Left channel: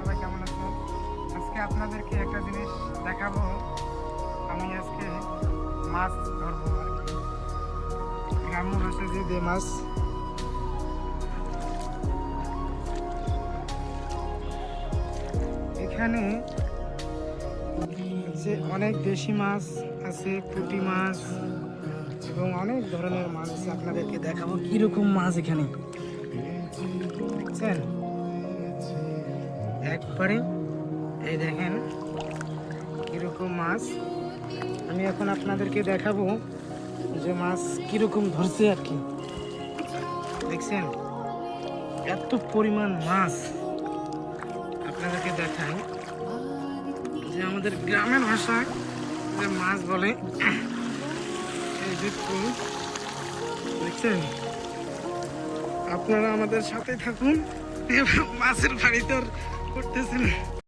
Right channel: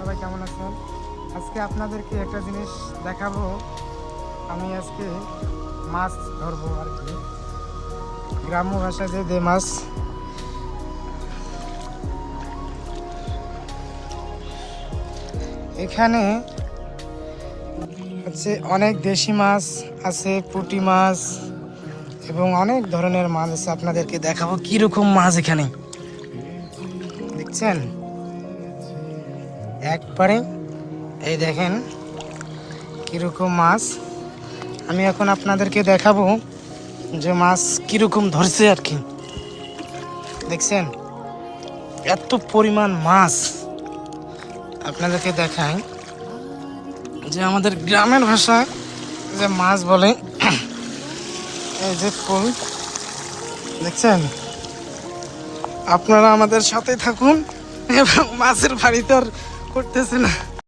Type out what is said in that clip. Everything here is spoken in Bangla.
সবাই কেমন আছেন? আজকে আপনাদেরকে একটা জিনিস দেখাবো। আমি আজকে মাছ ধরবো আর কি, গ্রাম্য ভাষায় যে মাছ। এখানে হচ্ছে অনেক দেশি মাছ আছে, পুঁটি মাছ এবং অনেক ধরনের মাছ আছে। আপনাদেরকে দেখাবো কিরকম মাছ এখানে দেখছেন একবারে। এই দেখেন কিরকম মাছ। আমি এখন আপনাদেরকে দেখাবো যে মাছ কিরকম ধরছে আর কি। দেখছেন এত পরিমাণ মাছ। আপনাদেরকে দেখাই যে আমাদের গ্রামের ভাষায় যে মাছ বলে, এই যে কই দেখছেন। আপনারা আমাদের সাথে থাকুন এবং মাছের বাড়ি তো আর করতেছে না।